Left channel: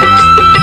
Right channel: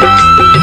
Música